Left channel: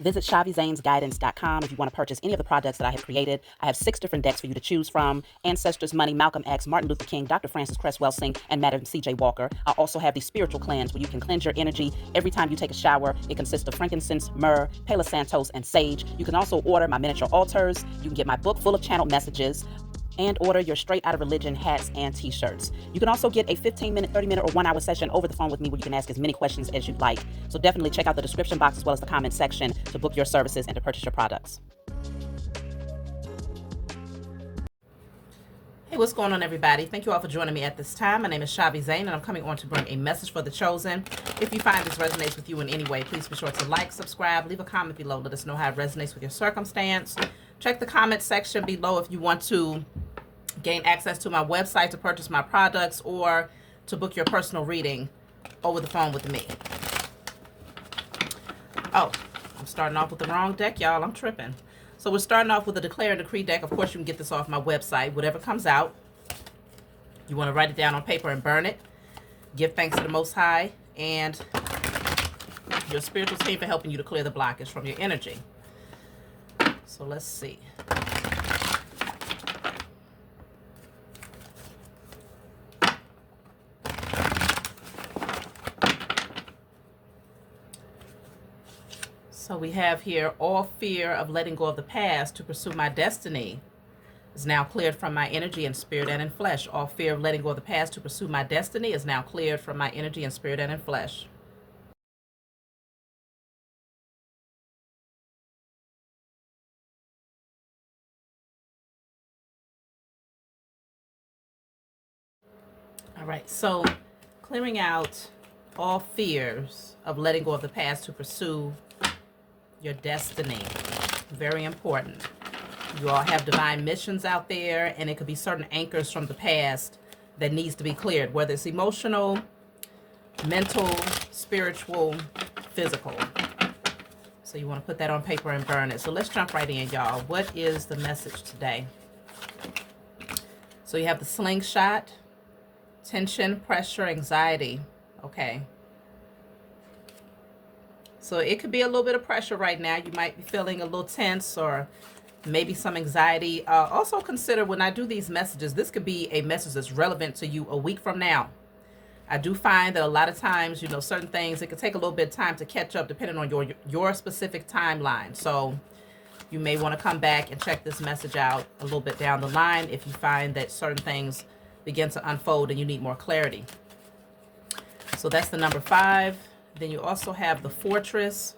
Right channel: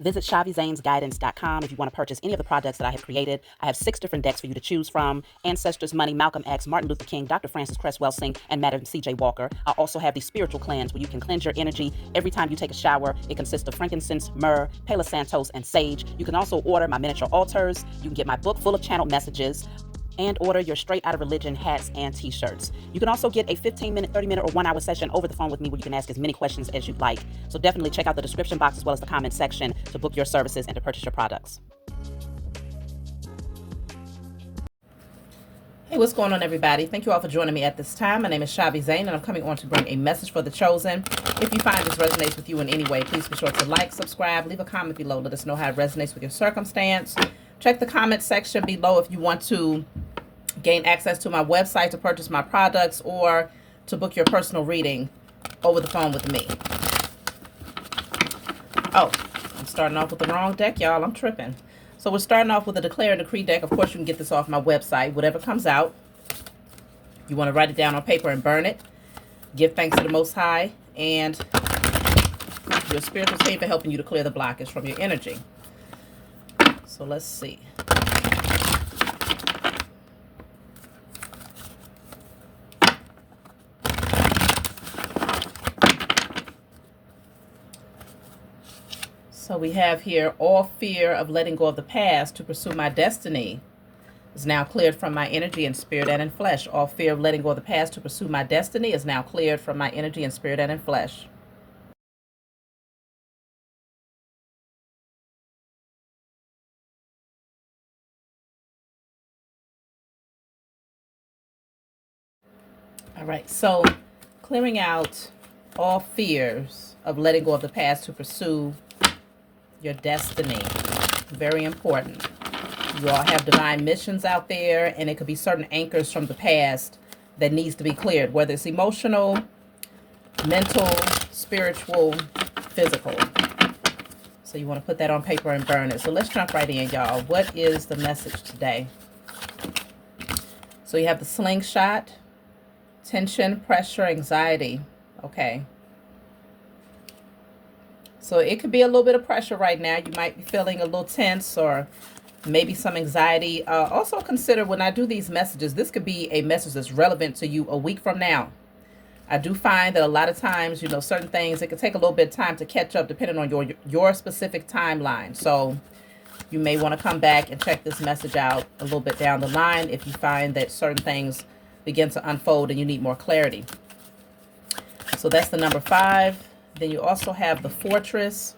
Visit chhaviZanesGuidance.com if you want to purchase any of the products that I have created. I have 6 different decks for you to choose from: Ancestors, Money, Malcolm X, Martin Luther King, Dr. Francis Cress Welsing, and Madam C.J. Walker. I also have the Spiritual Cleanse, where you can cleanse your energy every time you take a shower. It consists of frankincense, myrrh, Palo Santos, and sage. You can also order my miniature altars. You can get my book full of channeled messages, and order your Straight Outta Religion hats and t-shirts. You can also get a 15-minute, 30-minute, or 1-hour session over the phone with me, where you can ask as many questions as you'd like. So definitely check out the description box as well as the comment section to book your services and to purchase your products. Hey, what's going on, everybody? Thank you all for joining me at this time. My name is chhaviZaine, and I'm coming on to bring a message for the chosen. If you find this resonates with you in any way, please be sure to like, subscribe, leave a comment below. Let us know how it resonates with your circumstance. Check the comment section below if you want to gain access to my website to purchase my products or to book your personal reading over the phone with me. Oh, I'm starting off with the wrong deck, y'all. I'm tripping. So we're starting off with a Declare and Decree deck. Of course, you can get this off my website. Whatever comes out, you want to write it down on paper and burn it. Give thanks to the Most High and your spiritual team for helping you to clear the blockage from your energy. So let's see. So we have here, all fear of letting go of the past to pursue my destiny is now cleared from my energy and spirit and in flesh. All fear of letting go of the past to pursue my destiny is now cleared from my energy and spirit and in flesh. All right, so clearing out all fears of letting go of the past to pursue your destiny. Very important. You all have divine missions out there, and it could be certain anchors from the past that needs to be cleared, whether it's emotional, mental, spiritual, physical. So you want to put that on paper and burn it. So let's jump right in, y'all. What is the message today? So you have the slingshot, tension, pressure, anxiety. Okay. So it could be a little bit of pressure right now. You might be feeling a little tense or maybe some anxiety. Also consider, when I do these messages, this could be a message that's relevant to you a week from now. I do find that a lot of times, you know, certain things, it could take a little bit of time to catch up depending on your specific timeline. So you may want to come back and check this message out a little bit down the line if you find that certain things begin to unfold and you need more clarity. So that's the number 5. Then you also have the Fortress.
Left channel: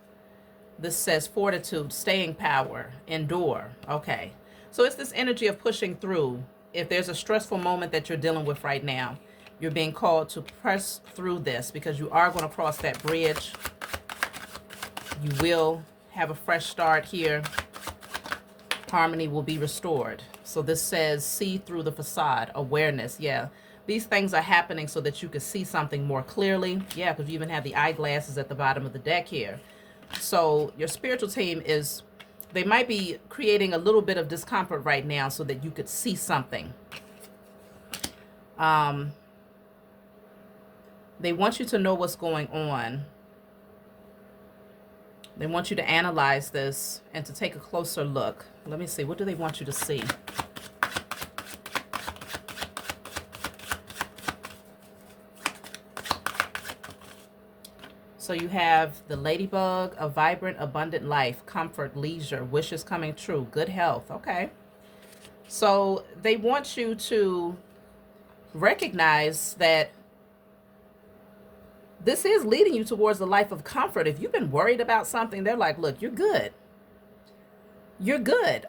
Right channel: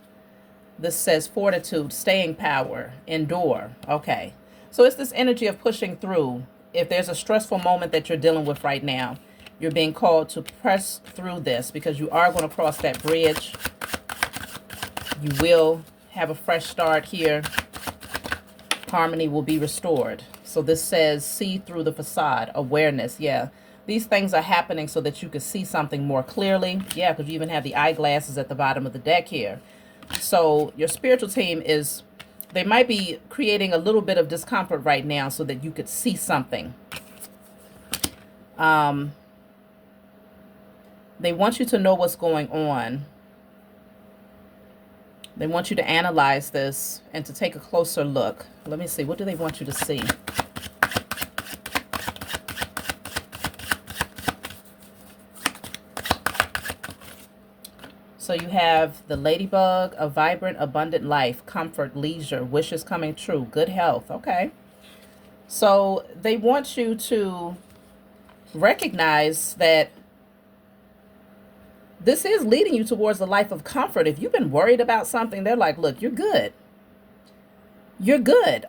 This says fortitude, staying power, endure. Okay. So it's this energy of pushing through. If there's a stressful moment that you're dealing with right now, you're being called to press through this because you are going to cross that bridge. You will have a fresh start here. Harmony will be restored. So this says see through the facade, awareness. Yeah. These things are happening so that you can see something more clearly. Yeah, because you even have the eyeglasses at the bottom of the deck here. So your spiritual team is, they might be creating a little bit of discomfort right now so that you could see something. They want you to know what's going on. They want you to analyze this and to take a closer look. Let me see. What do they want you to see? So you have the ladybug, a vibrant, abundant life, comfort, leisure, wishes coming true, good health. Okay. So they want you to recognize that this is leading you towards a life of comfort. If you've been worried about something, they're like, look, you're good. You're good.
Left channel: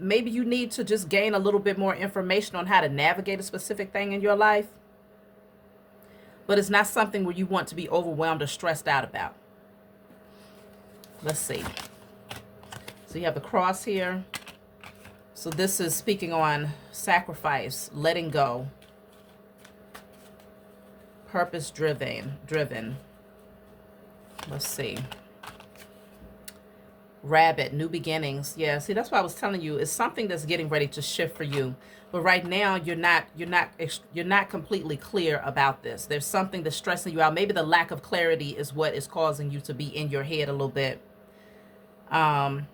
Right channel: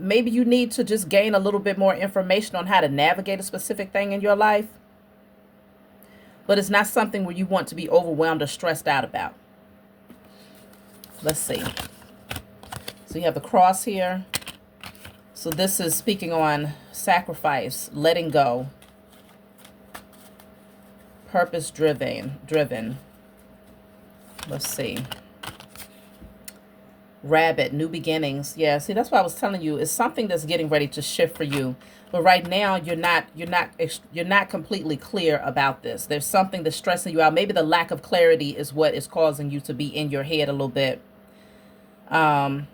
Maybe you need to just gain a little bit more information on how to navigate a specific thing in your life. But it's not something where you want to be overwhelmed or stressed out about. Let's see. So you have the cross here. So this is speaking on sacrifice, letting go, purpose driven. Let's see. Rabbit, new beginnings. Yeah, see, that's what I was telling you. It's something that's getting ready to shift for you. But right now, you're not completely clear about this. There's something that's stressing you out. Maybe the lack of clarity is what is causing you to be in your head a little bit. Um,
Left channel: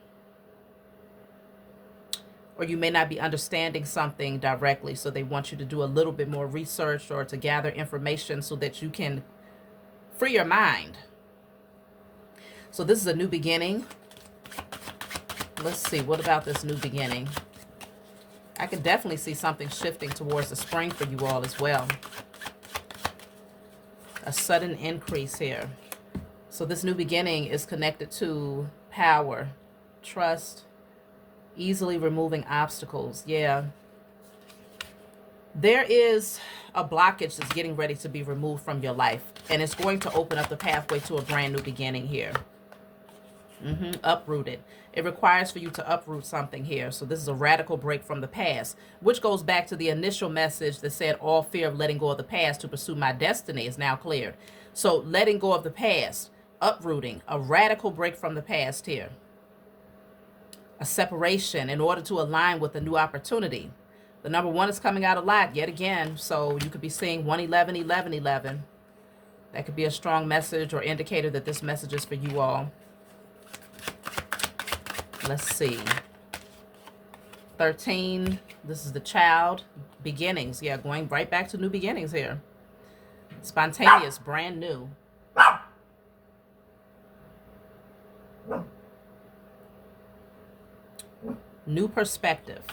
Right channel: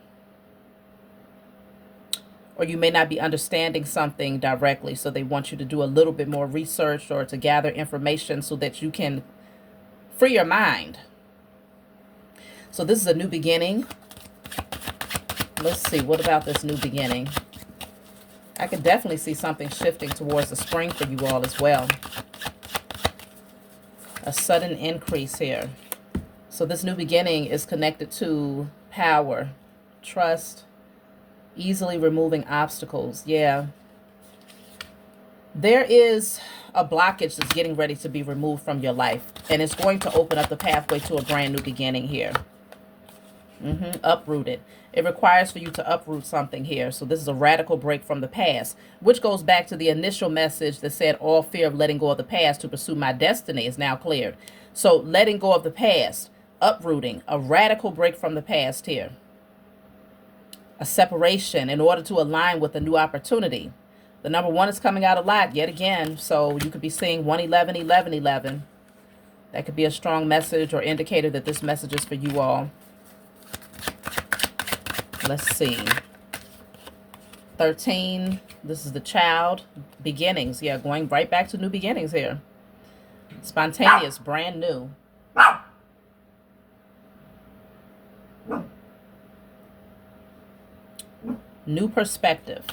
or you may not be understanding something directly. So they want you to do a little bit more research or to gather information so that you can free your mind. So this is a new beginning. Let's see, what about this new beginning? I could definitely see something shifting towards the spring for you all as well. A sudden increase here. So this new beginning is connected to power, trust, easily removing obstacles. Yeah. There is a blockage that's getting ready to be removed from your life, and it's going to open up the pathway to a brand new beginning here. Uprooted. It requires for you to uproot something here. So this is a radical break from the past, which goes back to the initial message that said all fear of letting go of the past to pursue my destiny is now cleared. So letting go of the past, uprooting, a radical break from the past here. A separation in order to align with a new opportunity. The number 1 is coming out a lot yet again. So you could be seeing 111, 11, 11. That could be a strong message or indicator that this message is for you all. Let's see. 13. This is the child. Beginnings. Yeah, going right back to new beginnings here. Spontaneous, brand new. New perspective.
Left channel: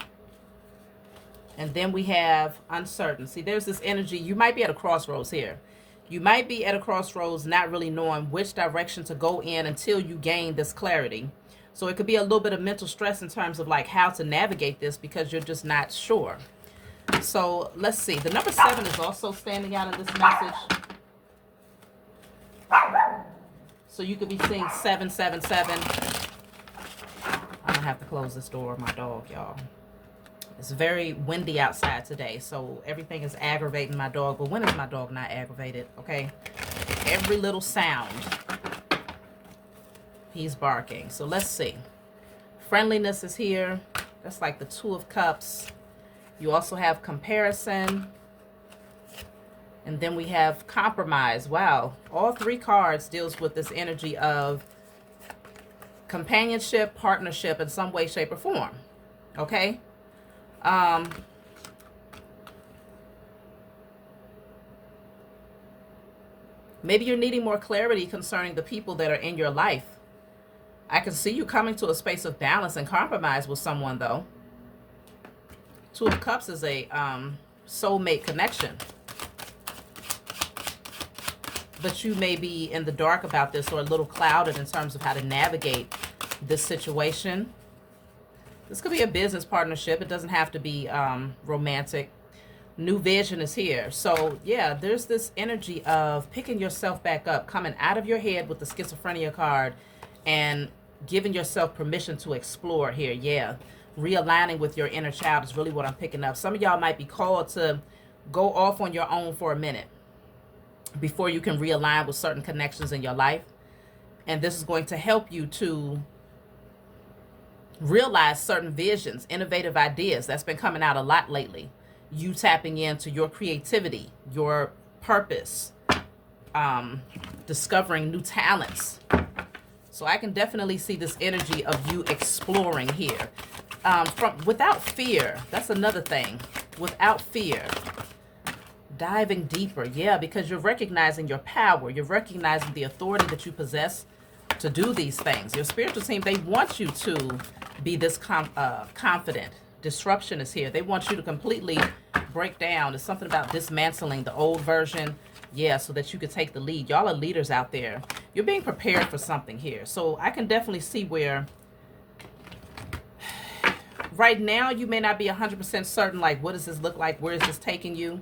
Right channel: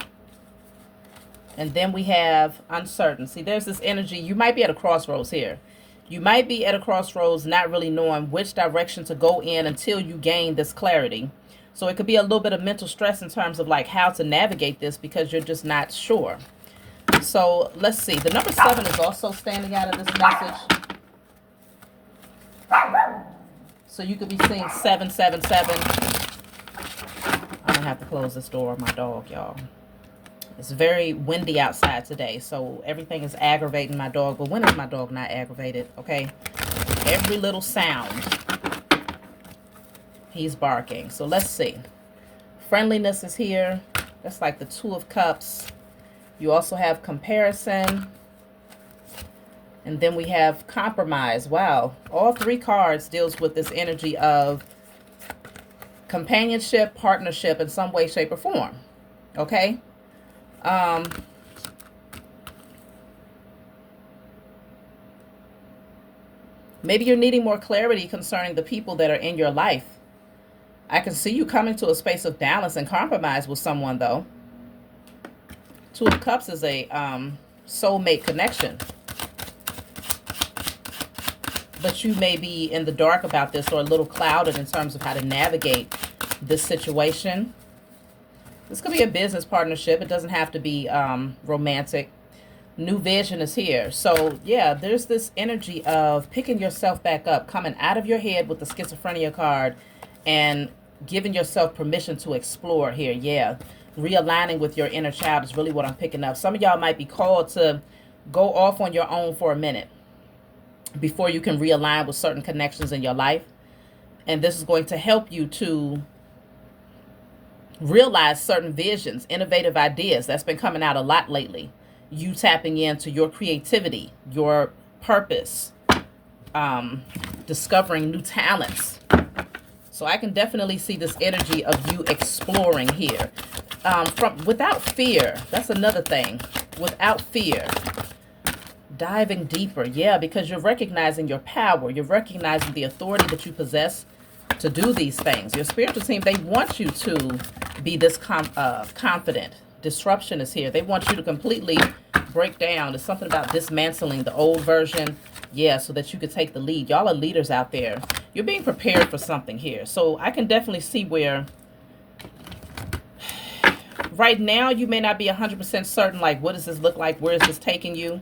And then we have uncertain. See, there's this energy. You might be at a crossroads here. You might be at a crossroads not really knowing which direction to go in until you gain this clarity. So it could be a little bit of mental stress in terms of like how to navigate this because you're just not sure. So let's see. The number 7 is also standing out of this message. So you could be seeing 777. I'm gonna have to close this door. My dog, y'all. It's very windy outside today, so everything is aggravating my dog. But when is my dog not aggravated? Okay, every little sound, he's barking. So let's see. Friendliness is here. That's like the 2 of Cups. You also have comparison. And then we have compromise. Wow. All 3 cards deals with this energy of companionship, partnership in some way, shape, or form. Okay? Maybe you're needing more clarity concerning the people that are in your life. I can see you coming to a space of balance and compromise with someone, though. 2 of Cups is a soulmate connection. But you may be in the dark about this or a little clouded in terms of how to navigate this situation. This could be a business partnership. It doesn't have to be romantic. New vision is here. So, yeah, there's this energy of picking yourself back up, coming out of your head with the schizophrenia card and giving yourself permission to explore here. Yeah, realigning with your inner child is really what I'm picking up. Some of y'all might be called to go off on your own for a minute before you can realign with certain connections in your life. And this is going to help you to realize certain visions, innovative ideas. That's been coming out a lot lately. You tapping into your creativity, your purpose, discovering new talents. So I can definitely see this energy of you exploring here. Without fear. That's another thing. Without fear. Diving deeper. Yeah, because you're recognizing your power. You're recognizing the authority that you possess to do these things. Your spiritual team, they want you to be this confident. Disruption is here. They want you to completely break down. There's something about dismantling the old version. Yeah, so that you could take the lead. Y'all are leaders out there. You're being prepared for something here. So I can definitely see where right now you may not be 100% certain, like, what does this look like? Where is this taking you?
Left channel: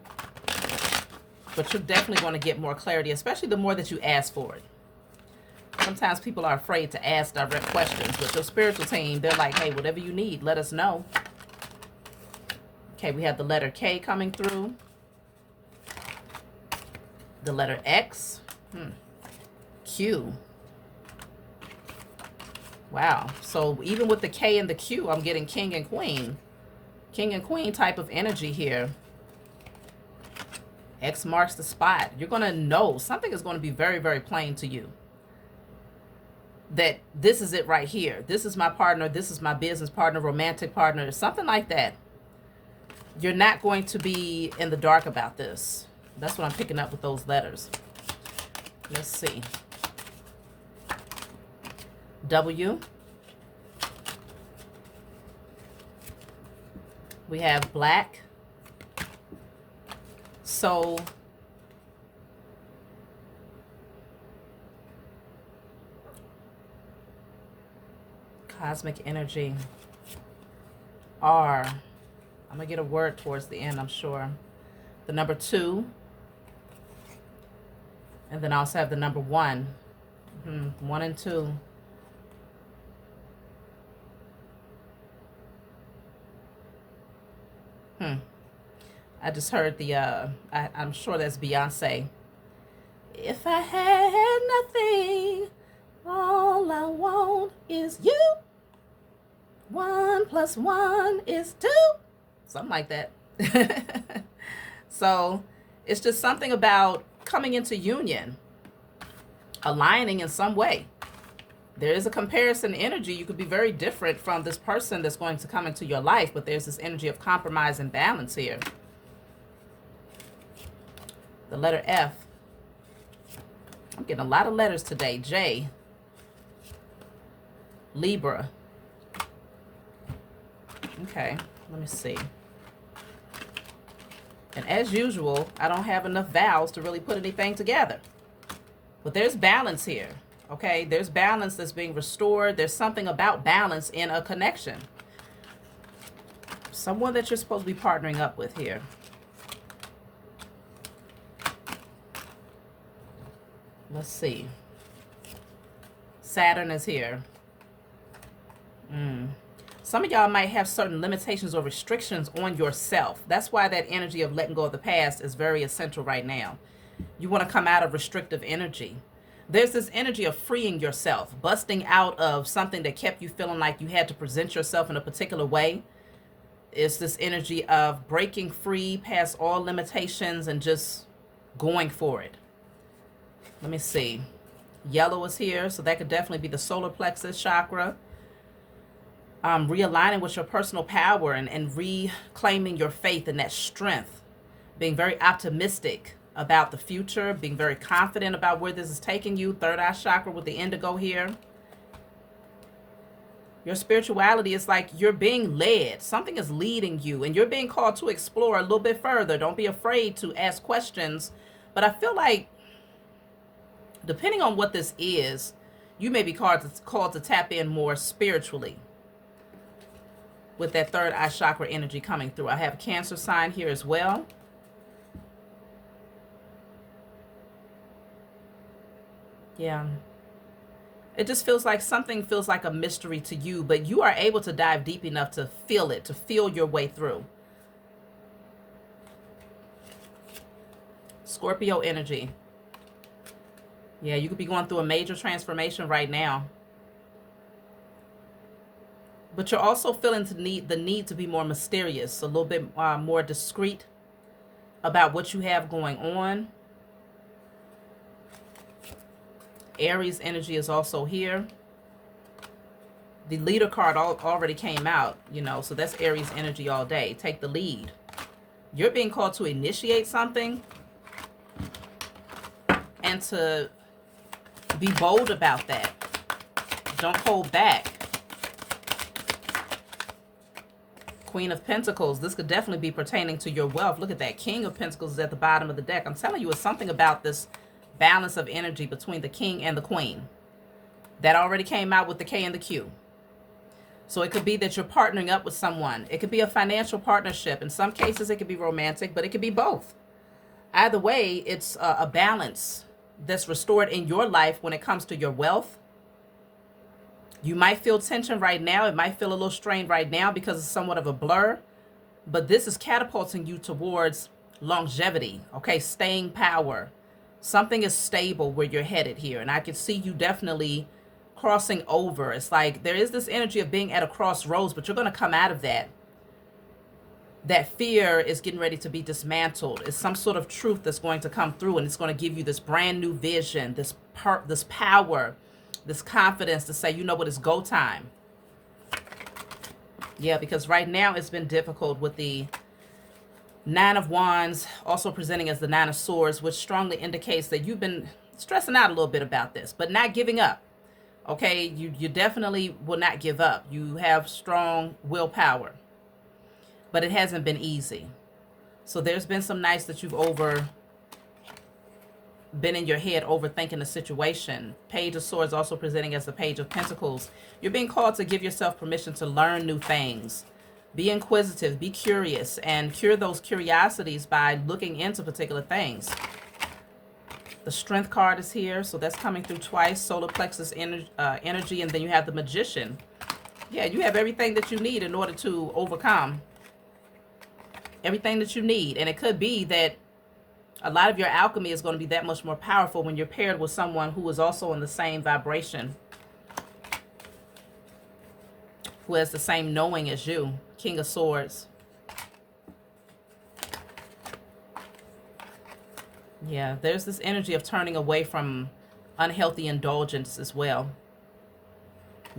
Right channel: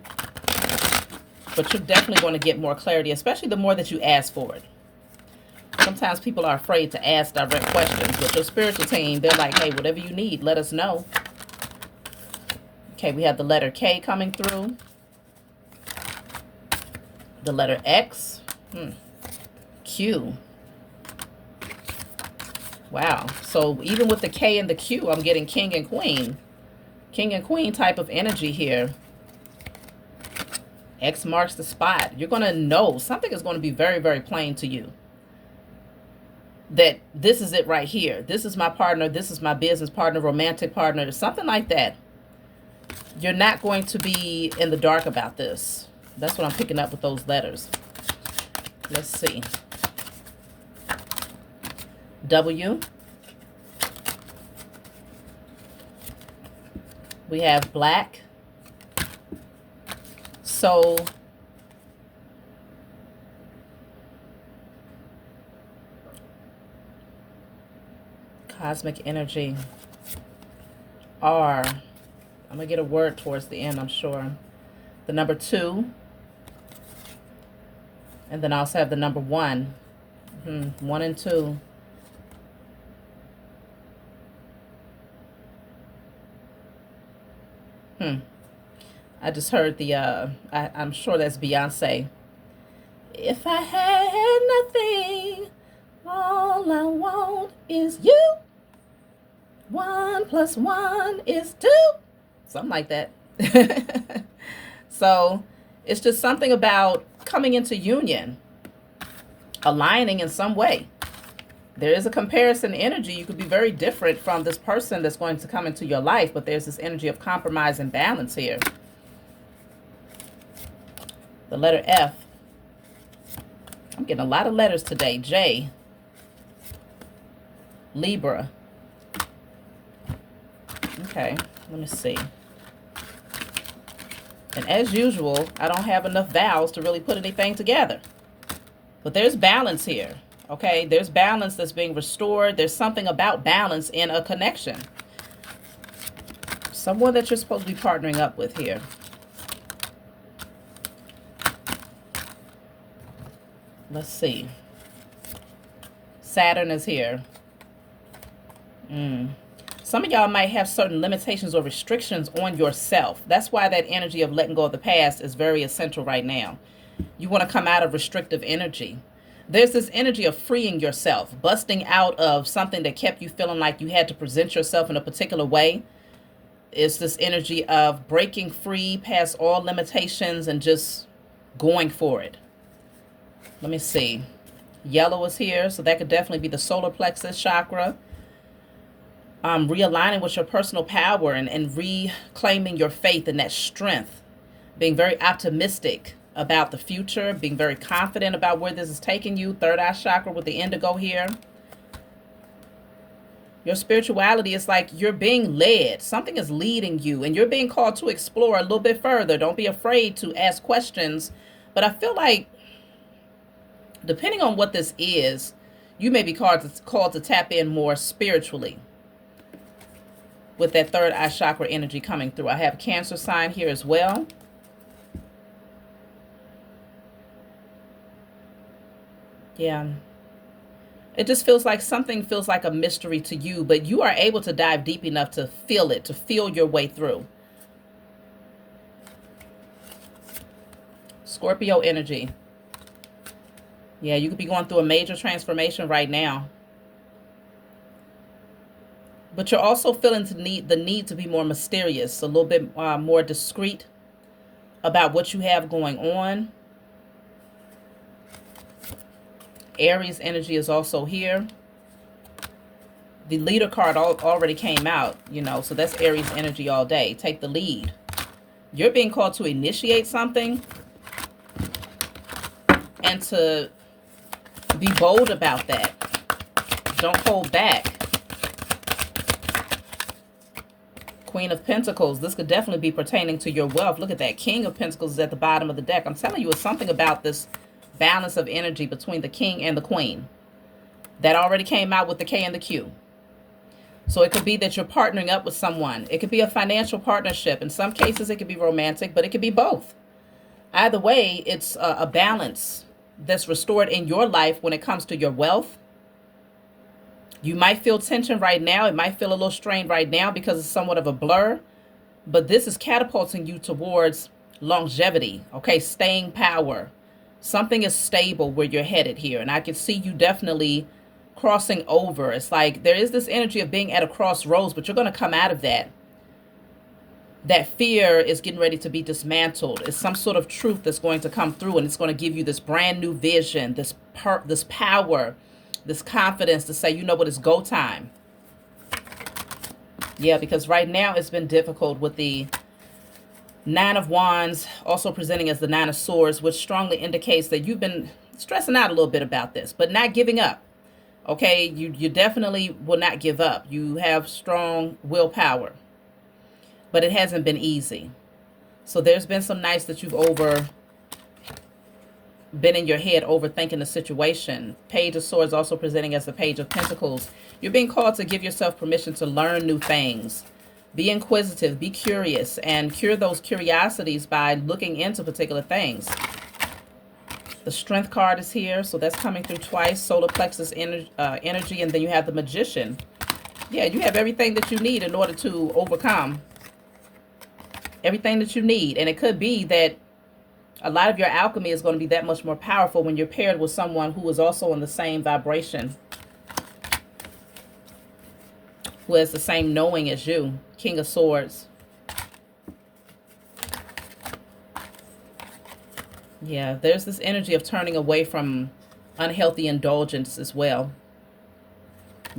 But you're definitely going to get more clarity, especially the more that you ask for it. Sometimes people are afraid to ask direct questions. With your spiritual team, they're like, hey, whatever you need, let us know. Okay, we have the letter K coming through. The letter X. Q. Wow. So even with the K and the Q, I'm getting king and queen. King and queen type of energy here. X marks the spot. You're going to know. Something is going to be very, very plain to you. that this is it right here. This is my partner. This is my business partner, romantic partner, something like that. You're not going to be in the dark about this. That's what I'm picking up with those letters. Let's see. W. We have black. Soul. Cosmic energy. R. I'm going to get a word towards the end, I'm sure. The number 2. And then I also have the number 1. 1 and 2. I just heard the, I'm sure that's Beyonce. If I had nothing, all I want is you. 1 + 1 is 2. Something like that. So it's just something about coming into union, aligning in some way. There is a comparison energy. You could be very different from this person that's going to come into your life, but there's this energy of compromise and balance here. The letter F. I'm getting a lot of letters today. J. Libra. Okay, let me see. And as usual, I don't have enough vowels to really put anything together. But there's balance here, okay? There's balance that's being restored. There's something about balance in a connection. Someone that you're supposed to be partnering up with here. Let's see. Saturn is here. Some of y'all might have certain limitations or restrictions on yourself. That's why that energy of letting go of the past is very essential right now. You want to come out of restrictive energy. There's this energy of freeing yourself, busting out of something that kept you feeling like you had to present yourself in a particular way. It's this energy of breaking free past all limitations and just going for it. Let me see. Yellow is here, so that could definitely be the solar plexus chakra. Realigning with your personal power and reclaiming your faith and that strength. Being very optimistic about the future, being very confident about where this is taking you. Third eye chakra with the indigo here. Your spirituality is like you're being led. Something is leading you and you're being called to explore a little bit further. Don't be afraid to ask questions. But I feel like, depending on what this is, you may be called to tap in more spiritually with that third eye chakra energy coming through. I have a Cancer sign here as well. Yeah. It just feels like something feels like a mystery to you, but you are able to dive deep enough to feel it, to feel your way through. Scorpio energy. Yeah, you could be going through a major transformation right now. But you're also feeling the need to be more mysterious, a little bit more discreet about what you have going on. Aries energy is also here. The leader card already came out, you know, so that's Aries energy all day. Take the lead. You're being called to initiate something and to be bold about that. Don't hold back. Queen of Pentacles. This could definitely be pertaining to your wealth. Look at that. King of Pentacles is at the bottom of the deck. I'm telling you, it's something about this balance of energy between the king and the queen. That already came out with the K and the Q. So it could be that you're partnering up with someone. It could be a financial partnership. In some cases, it could be romantic, but it could be both. Either way, it's a balance that's restored in your life when it comes to your wealth. You might feel tension right now. It might feel a little strained right now because it's somewhat of a blur. But this is catapulting you towards longevity, okay? Staying power. Something is stable where you're headed here. And I can see you definitely crossing over. It's like there is this energy of being at a crossroads, but you're going to come out of that. That fear is getting ready to be dismantled. It's some sort of truth that's going to come through, and it's going to give you this brand new vision, this power, this confidence to say, you know what, it's go time. Yeah, because right now it's been difficult with the Nine of Wands also presenting as the Nine of Swords, which strongly indicates that you've been stressing out a little bit about this, but not giving up. Okay, you definitely will not give up. You have strong willpower, but it hasn't been easy. So there's been some nights that you've been in your head overthinking the situation. Page of Swords also presenting as the Page of Pentacles. You're being called to give yourself permission to learn new things. Be inquisitive, be curious, and cure those curiosities by looking into particular things. The Strength card is here, so that's coming through twice. Solar plexus energy, and then you have the Magician. Yeah, you have everything that you need in order to overcome. Everything that you need. And it could be that a lot of your alchemy is going to be that much more powerful when you're paired with someone who is also in the same vibration, who has the same knowing as you. King of Swords. Yeah, there's this energy of turning away from unhealthy indulgence as well.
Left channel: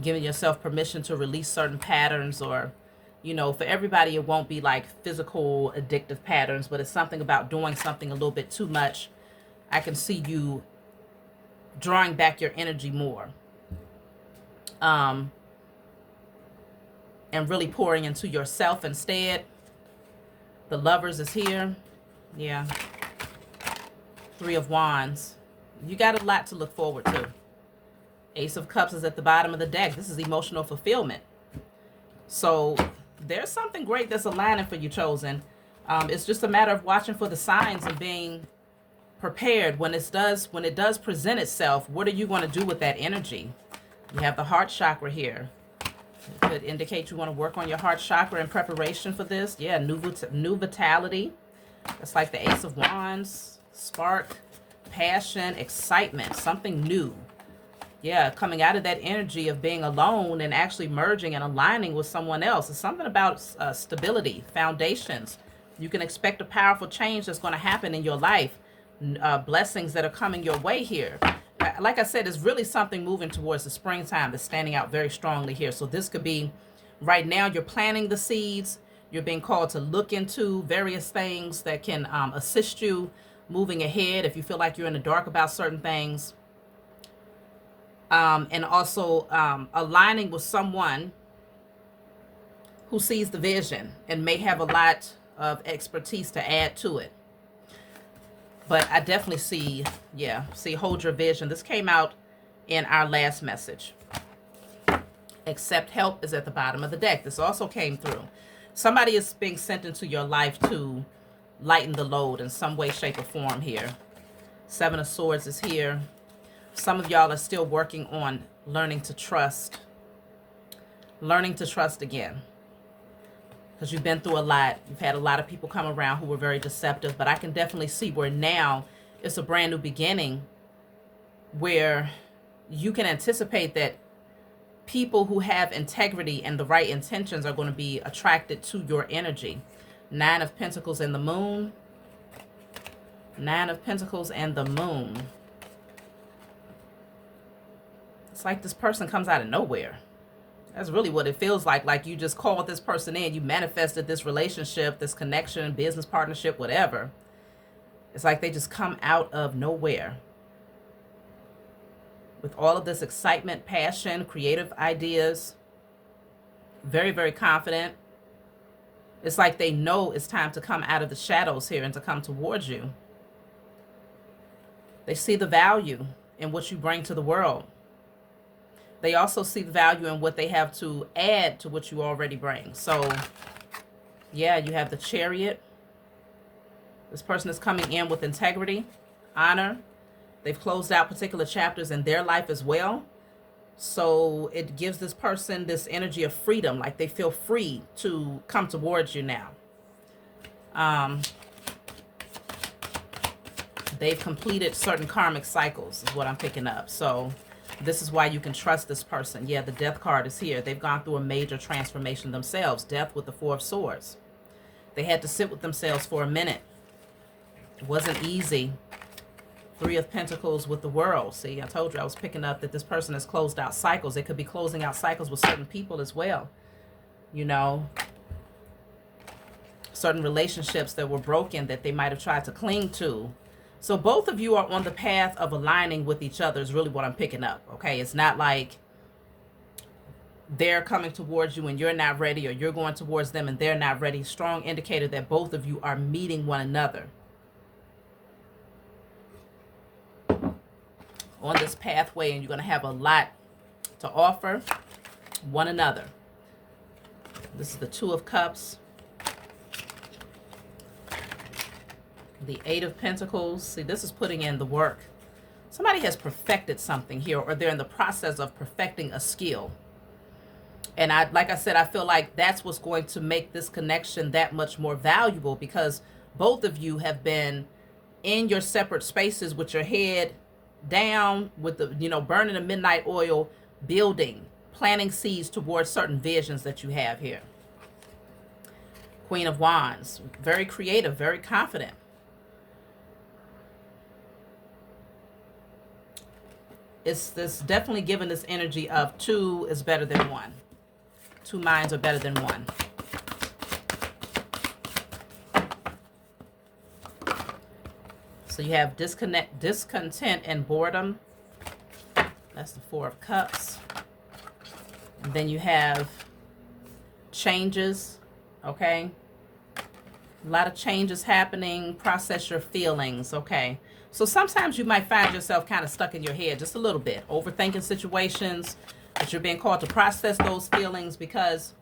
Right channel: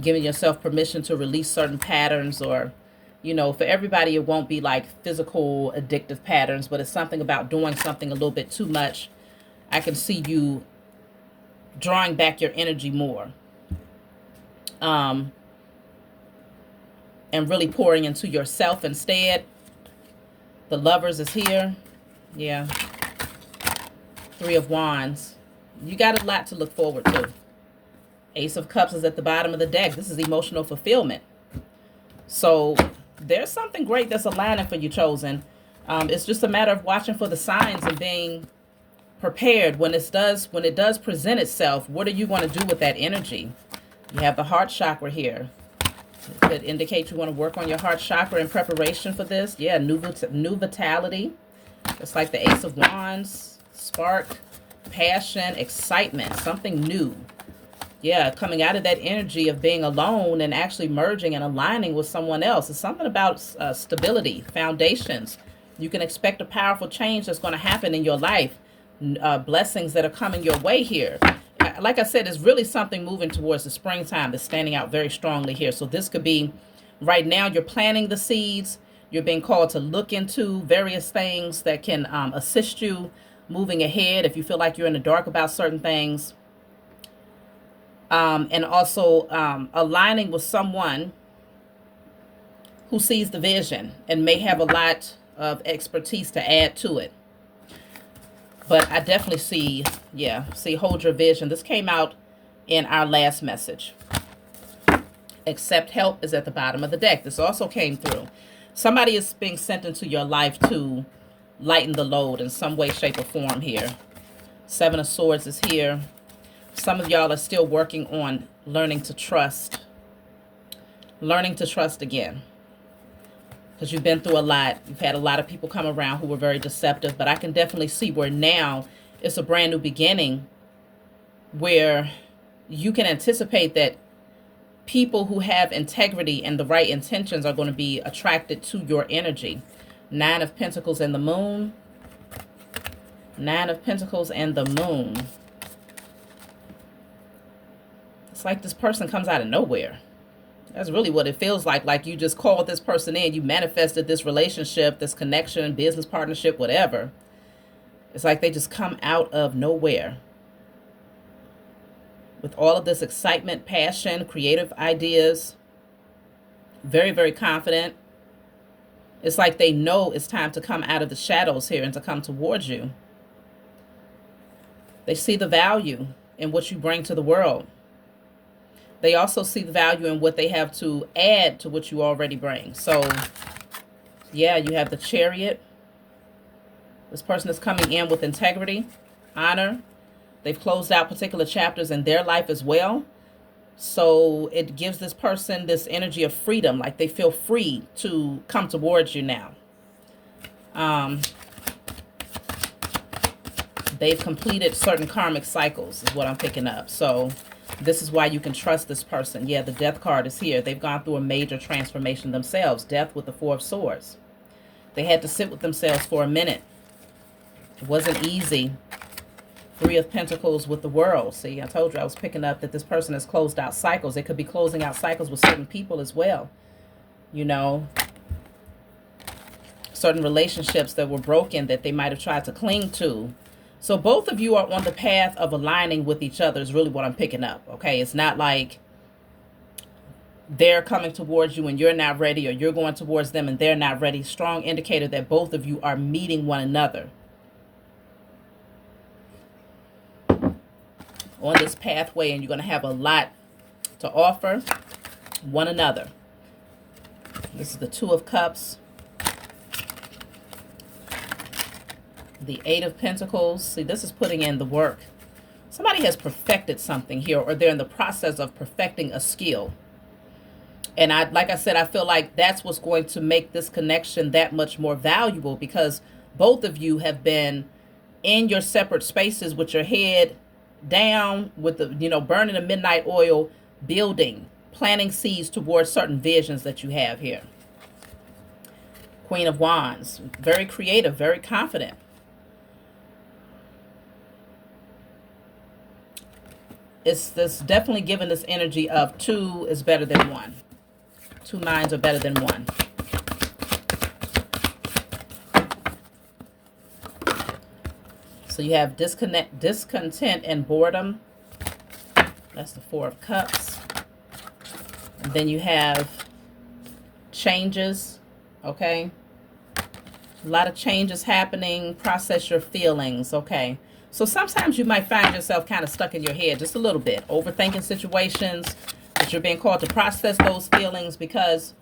Giving yourself permission to release certain patterns, or, you know, for everybody it won't be like physical addictive patterns, but it's something about doing something a little bit too much. I can see you drawing back your energy more. And really pouring into yourself instead. The Lovers is here. Yeah. Three of Wands. You got a lot to look forward to. Ace of Cups is at the bottom of the deck. This is emotional fulfillment. So there's something great that's aligning for you, Chosen. It's just a matter of watching for the signs and being prepared when it does present itself. What are you going to do with that energy? You have the heart chakra here. It could indicate you want to work on your heart chakra in preparation for this. Yeah, new vitality. It's like the Ace of Wands. Spark, passion, excitement, something new. Yeah, coming out of that energy of being alone and actually merging and aligning with someone else. It's something about stability, foundations. You can expect a powerful change that's going to happen in your life. Blessings that are coming your way here. Like I said, it's really something moving towards the springtime that's standing out very strongly here. So this could be, right now you're planting the seeds. You're being called to look into various things that can assist you moving ahead if you feel like you're in the dark about certain things. And also aligning with someone who sees the vision and may have a lot of expertise to add to it. But I definitely see, hold your vision. This came out in our last message. Accept help is at the bottom of the deck. This also came through. Somebody is being sent into your life to lighten the load in some way, shape, or form here. Seven of Swords is here. Some of y'all are still working on learning to trust. Learning to trust again. Because you've been through a lot. You've had a lot of people come around who were very deceptive. But I can definitely see where now it's a brand new beginning where you can anticipate that people who have integrity and the right intentions are going to be attracted to your energy. Nine of Pentacles and the Moon. Nine of Pentacles and the Moon. It's like this person comes out of nowhere. That's really what it feels like. Like you just called this person in. You manifested this relationship, this connection, business partnership, whatever. It's like they just come out of nowhere. With all of this excitement, passion, creative ideas. Very, very confident. It's like they know it's time to come out of the shadows here and to come towards you. They see the value in what you bring to the world. They also see the value in what they have to add to what you already bring. So, yeah, you have the Chariot. This person is coming in with integrity, honor. They've closed out particular chapters in their life as well. So it gives this person this energy of freedom, like they feel free to come towards you now. They've completed certain karmic cycles is what I'm picking up. So this is why you can trust this person. Yeah, the Death card is here. They've gone through a major transformation themselves. Death with the Four of Swords. They had to sit with themselves for a minute. It wasn't easy. Three of Pentacles with the World. See, I told you I was picking up that this person has closed out cycles. They could be closing out cycles with certain people as well. You know, certain relationships that were broken that they might have tried to cling to. So both of you are on the path of aligning with each other is really what I'm picking up. Okay, it's not like they're coming towards you and you're not ready, or you're going towards them and they're not ready. Strong indicator that both of you are meeting one another on this pathway, and you're going to have a lot to offer one another. This is the Two of Cups, the Eight of Pentacles. See, this is putting in the work. Somebody has perfected something here, or they're in the process of perfecting a skill. And like I said, I feel like that's what's going to make this connection that much more valuable, because both of you have been in your separate spaces with your head down, with the, you know, burning the midnight oil, building, planting seeds towards certain visions that you have here. Queen of Wands, very creative, very confident. It's this definitely giving this energy of two is better than one. Two minds are better than one. So you have discontent and boredom. That's the Four of Cups. And then you have changes, okay? A lot of changes happening. Process your feelings, okay? So sometimes you might find yourself kind of stuck in your head just a little bit, overthinking situations, but you're being called to process those feelings, because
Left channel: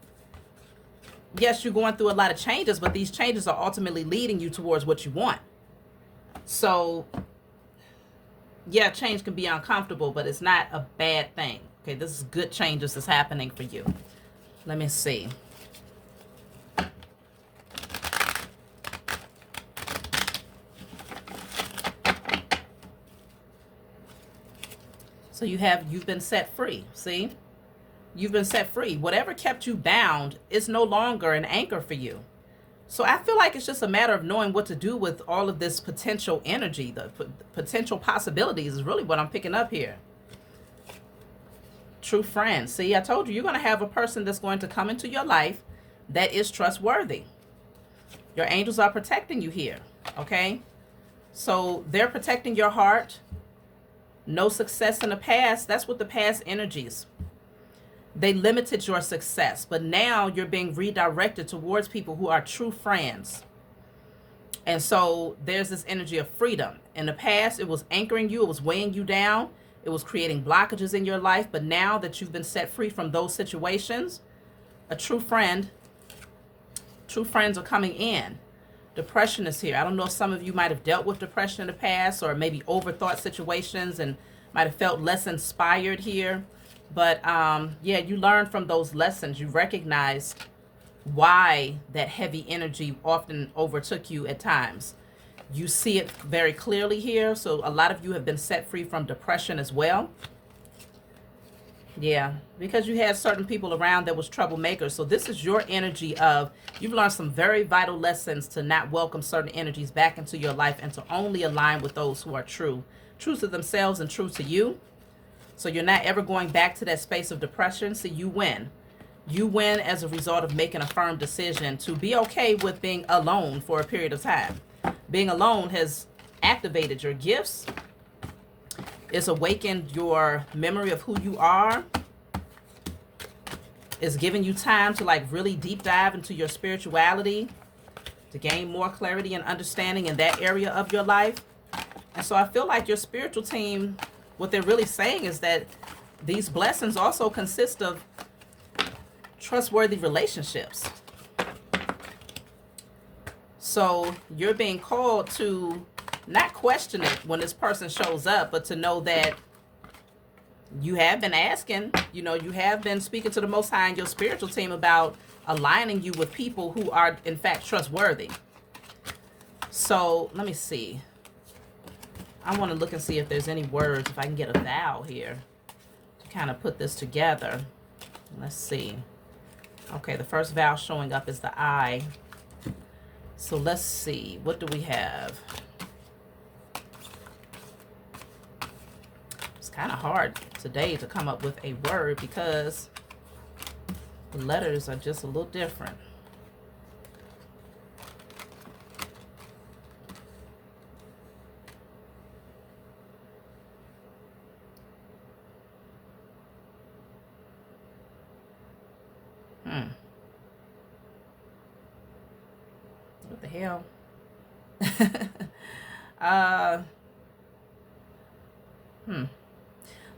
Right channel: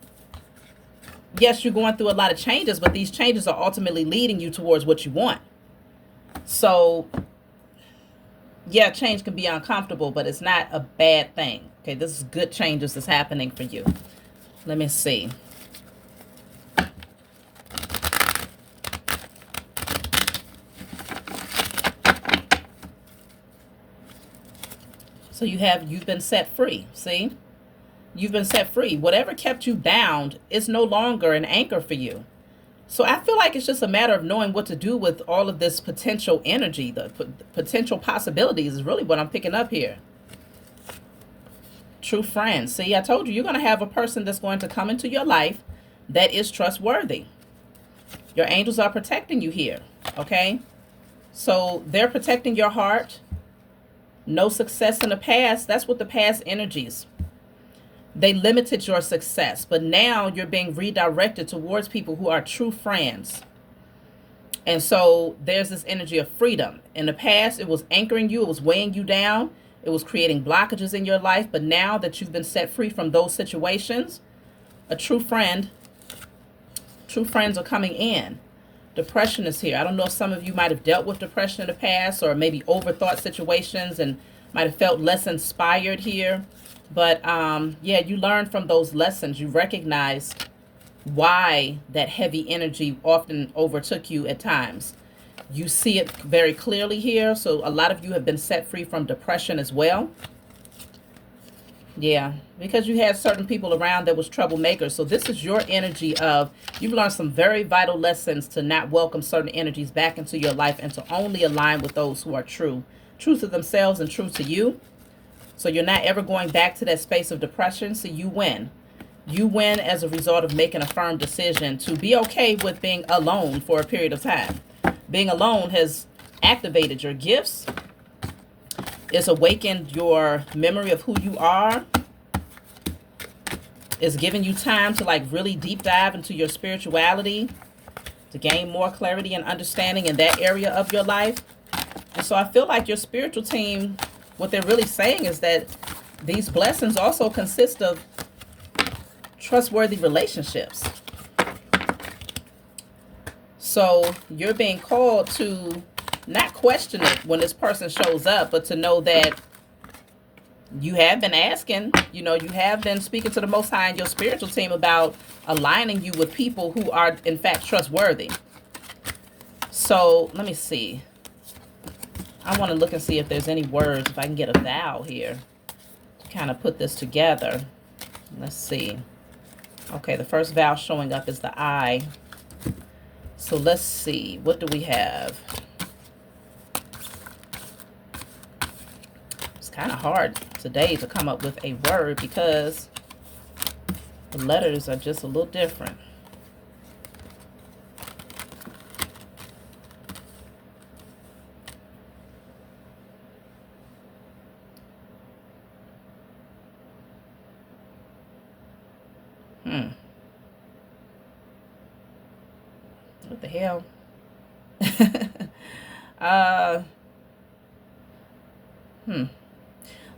yes, you're going through a lot of changes, but these changes are ultimately leading you towards what you want. So yeah, change can be uncomfortable, but it's not a bad thing. Okay, this is good changes that's happening for you. Let me see. So you've been set free. See, you've been set free. Whatever kept you bound is no longer an anchor for you. So I feel like it's just a matter of knowing what to do with all of this potential energy. The potential possibilities is really what I'm picking up here. True friends. See, I told you, you're going to have a person that's going to come into your life that is trustworthy. Your angels are protecting you here. Okay. So they're protecting your heart. No success in the past. That's what the past energies. They limited your success, but now you're being redirected towards people who are true friends. And so there's this energy of freedom. In the past, it was anchoring you. It was weighing you down. It was creating blockages in your life. But now that you've been set free from those situations, a true friends are coming in. Depression is here. I don't know if some of you might have dealt with depression in the past, or maybe overthought situations and might have felt less inspired here. But yeah, you learn from those lessons. You recognize why that heavy energy often overtook you at times. You see it very clearly here. So a lot of you have been set free from depression as well. Yeah, because you had certain people around that was troublemakers. So this is your energy of, you've learned some very vital lessons to not welcome certain energies back into your life, and to only align with those who are true to themselves and true to you. So you're not ever going back to that space of depression. So you win. You win as a result of making a firm decision to be okay with being alone for a period of time. Being alone has activated your gifts. It's awakened your memory of who you are. It's giving you time to like really deep dive into your spirituality, to gain more clarity and understanding in that area of your life. And so I feel like your spiritual team, what they're really saying is that these blessings also consist of trustworthy relationships. So you're being called to not question it when this person shows up, but to know that you have been asking, you know, you have been speaking to the Most High and your spiritual team about aligning you with people who are in fact trustworthy. So let me see. I want to look and see if there's any words, if I can get a vowel here to kind of put this together. Let's see. Okay, the first vowel showing up is the I. So let's see. What do we have? kind of hard today to come up with a word because the letters are just a little different. What the hell? uh,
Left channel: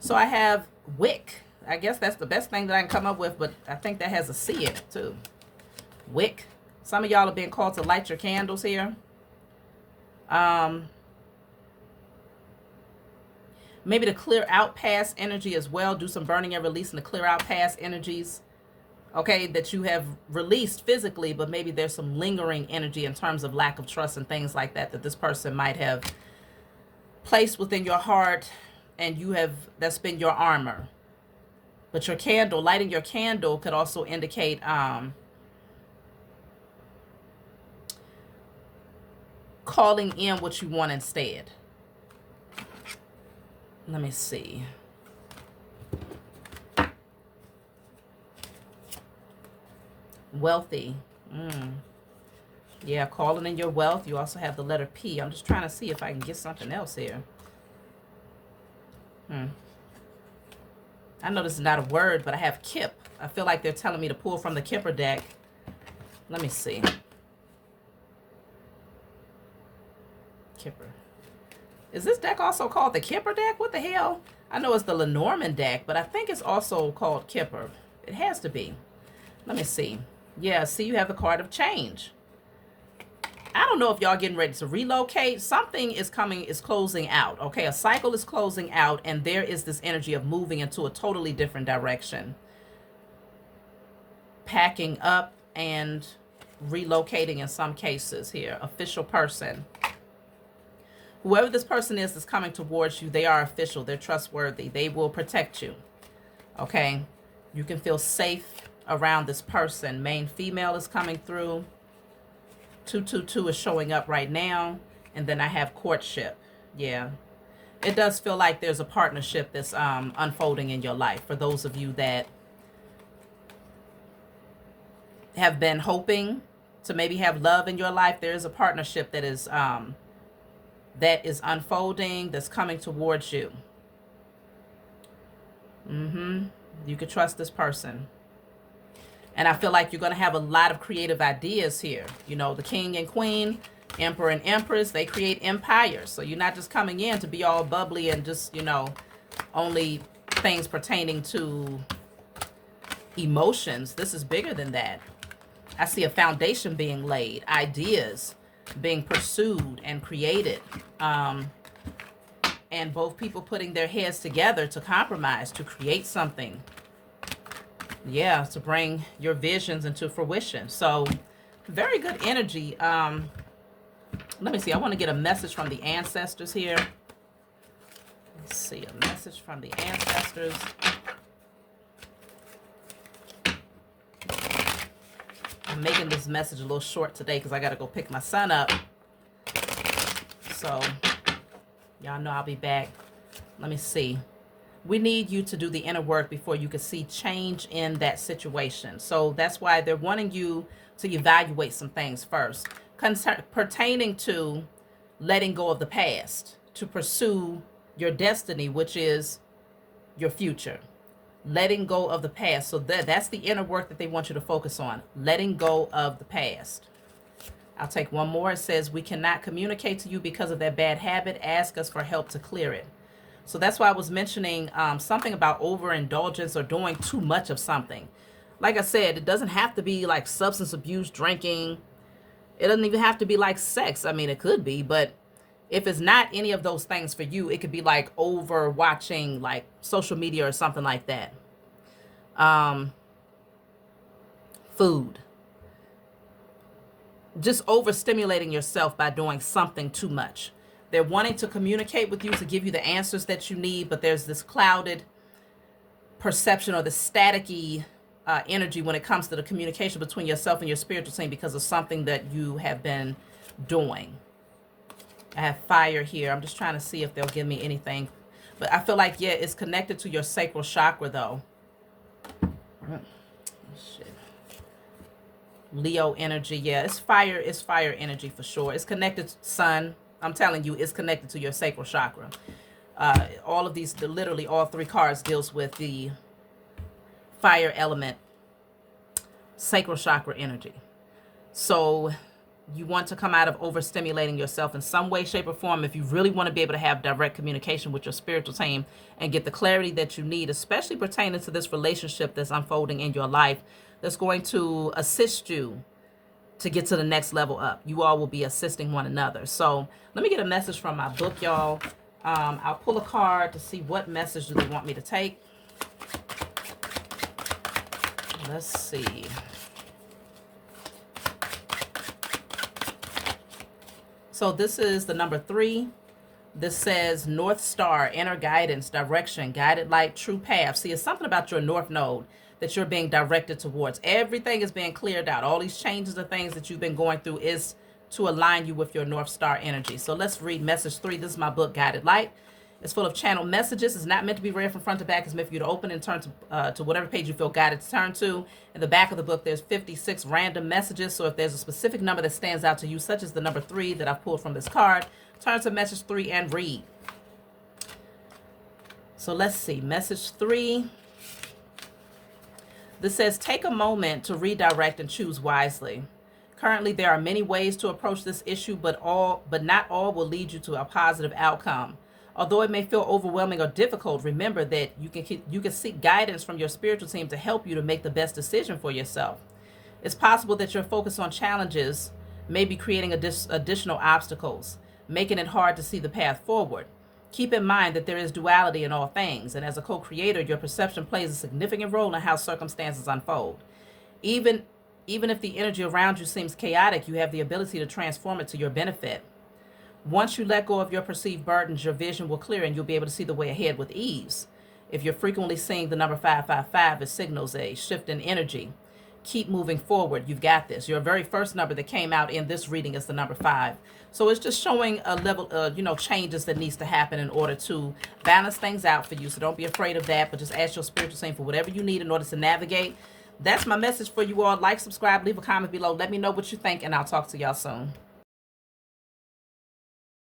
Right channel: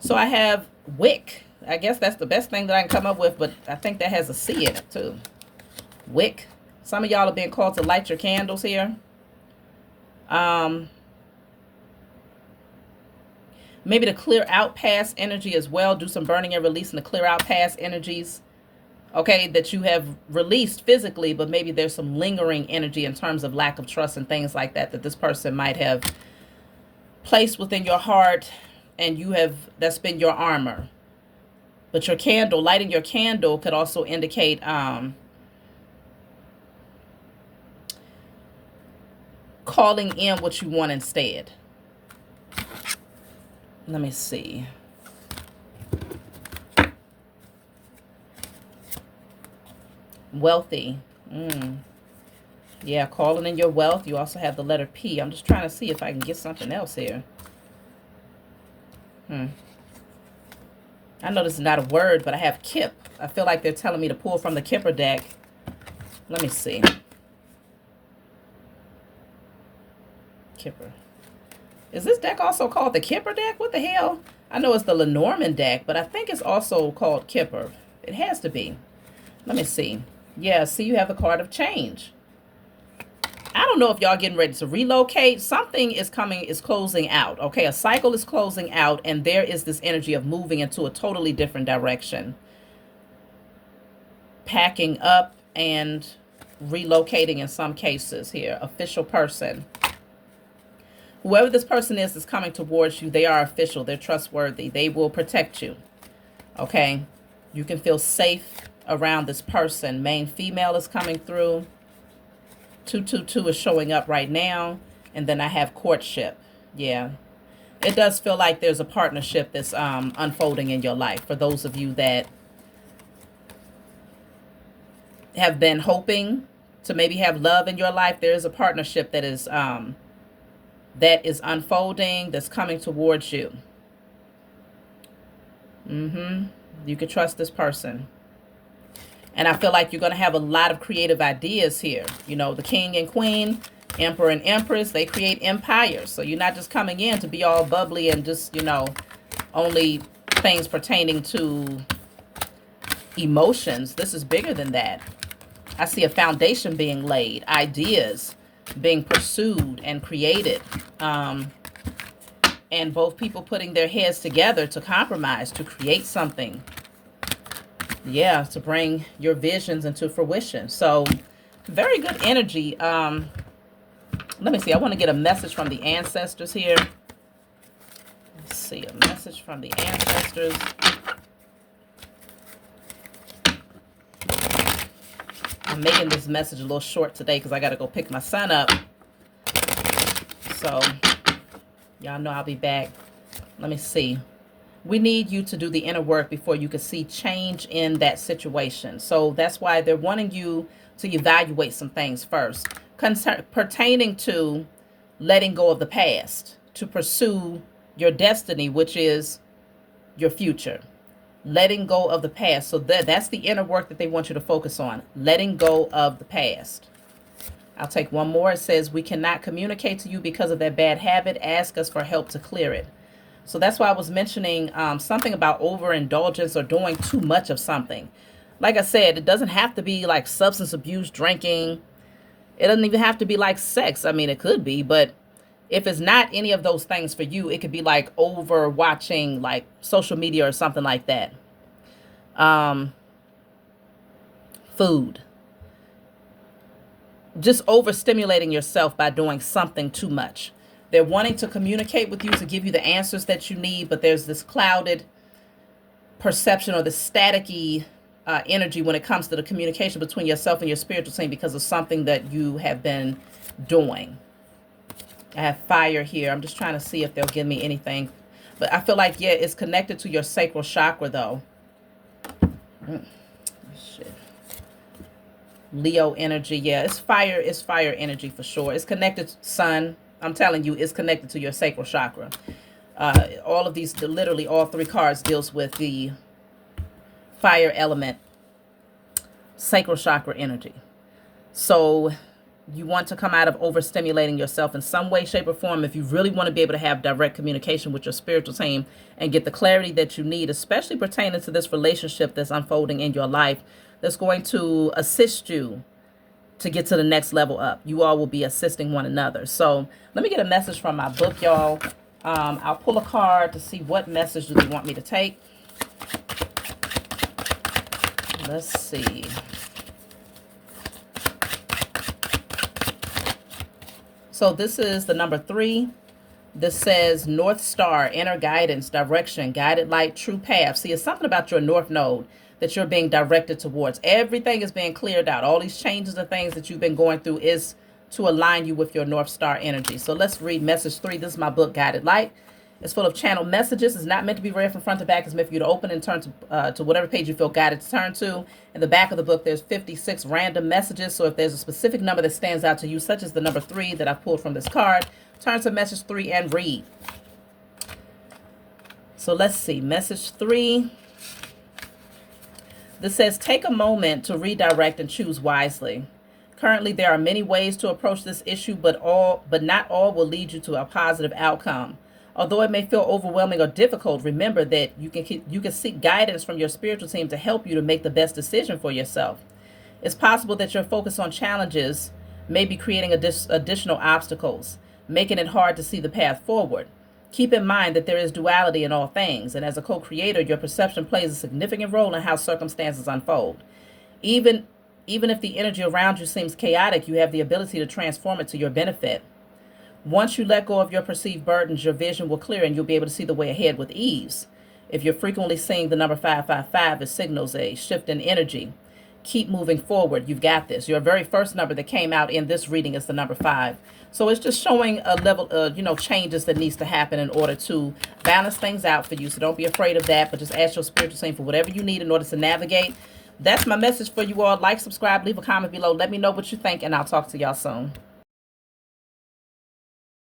So I have wick. I guess that's the best thing that I can come up with, but I think that has a C in it too. Wick. Some of y'all are being called to light your candles here. Maybe to clear out past energy as well. Do some burning and releasing to clear out past energies. Okay, that you have released physically, but maybe there's some lingering energy in terms of lack of trust and things like that that this person might have placed within your heart, and you have, that's been your armor. But your candle, lighting your candle could also indicate calling in what you want instead. Let me see. Wealthy. Yeah, calling in your wealth. You also have the letter P. I'm just trying to see if I can get something else here. I know this is not a word, but I have Kip. I feel like they're telling me to pull from the Kipper deck. Let me see. Kipper. Is this deck also called the Kipper deck? What the hell? I know it's the Lenormand deck, but I think it's also called Kipper. It has to be. Let me see. Yeah, see, you have the card of change. I don't know if y'all getting ready to relocate. Something is coming, is closing out. Okay, a cycle is closing out, and there is this energy of moving into a totally different direction. Packing up and relocating in some cases here. Official person. Whoever this person is that's coming towards you, they are official. They're trustworthy. They will protect you. Okay, you can feel safe around this person. Main female is coming through. 222 is showing up right now. And then I have courtship. Yeah. It does feel like there's a partnership that's unfolding in your life. For those of you that have been hoping to maybe have love in your life, there is a partnership that is unfolding, that's coming towards you. You can trust this person. And I feel like you're going to have a lot of creative ideas here. You know, the king and queen, emperor and empress, they create empires. So you're not just coming in to be all bubbly and just, you know, only things pertaining to emotions. This is bigger than that. I see a foundation being laid, ideas being pursued and created. And both people putting their heads together to compromise, to create something. Yeah, to bring your visions into fruition. So very good energy. Let me see. I want to get a message from the ancestors here. Let's see, a message from the ancestors. I'm making this message a little short today because I got to go pick my son up. So y'all know I'll be back. Let me see. We need you to do the inner work before you can see change in that situation. So that's why they're wanting you to evaluate some things first. Pertaining to letting go of the past, to pursue your destiny, which is your future. Letting go of the past. So that's the inner work that they want you to focus on. Letting go of the past. I'll take one more. It says, we cannot communicate to you because of that bad habit. Ask us for help to clear it. So that's why I was mentioning something about overindulgence or doing too much of something. Like I said, it doesn't have to be like substance abuse, drinking. It doesn't even have to be like sex. I mean, it could be, but if it's not any of those things for you, it could be like over watching like social media or something like that. Food. Just overstimulating yourself by doing something too much. They're wanting to communicate with you to give you the answers that you need, but there's this clouded perception or the staticky energy when it comes to the communication between yourself and your spiritual team because of something that you have been doing. I have fire here. I'm just trying to see if they'll give me anything But I feel like, yeah, it's connected to your sacral chakra, though. Shit. Leo energy, yeah, it's fire. It's fire energy for sure. It's connected to sun. I'm telling you, it's connected to your sacral chakra. All of these, literally all three cards deals with the fire element, sacral chakra energy. So you want to come out of overstimulating yourself in some way, shape, or form if you really want to be able to have direct communication with your spiritual team and get the clarity that you need, especially pertaining to this relationship that's unfolding in your life, that's going to assist you to get to the next level up. You all will be assisting one another. So let me get a message from my book, y'all. I'll pull a card to see what message do they want me to take. Let's see. So this is the number 3. This says North Star, inner guidance, direction, guided light, true path. See, it's something about your North Node that you're being directed towards. Everything is being cleared out. All these changes and things that you've been going through is to align you with your North Star energy. So let's read message 3. This is my book, Guided Light. It's full of channeled messages. It's not meant to be read from front to back. It's meant for you to open and turn to whatever page you feel guided to turn to. In the back of the book, there's 56 random messages. So if there's a specific number that stands out to you, such as the number 3 that I pulled from this card, turn to message 3 and read. So let's see. Message 3. This says, take a moment to redirect and choose wisely. Currently, there are many ways to approach this issue, but not all will lead you to a positive outcome. Although it may feel overwhelming or difficult, remember that you can seek guidance from your spiritual team to help you to make the best decision for yourself. It's possible that your focus on challenges may be creating additional obstacles, making it hard to see the path forward. Keep in mind that there is duality in all things, and as a co-creator, your perception plays a significant role in how circumstances unfold. Even if the energy around you seems chaotic, you have the ability to transform it to your benefit. Once you let go of your perceived burdens, your vision will clear and you'll be able to see the way ahead with ease. If you're frequently seeing the number 555, it signals a shift in energy. Keep moving forward. You've got this. Your very first number that came out in this reading is the number 5. So it's just showing a level of, changes that needs to happen in order to balance things out for you. So don't be afraid of that, but just ask your spiritual team for whatever you need in order to navigate. That's my message for you all. Like, subscribe, leave a comment below. Let me know what you think, and I'll talk to y'all soon.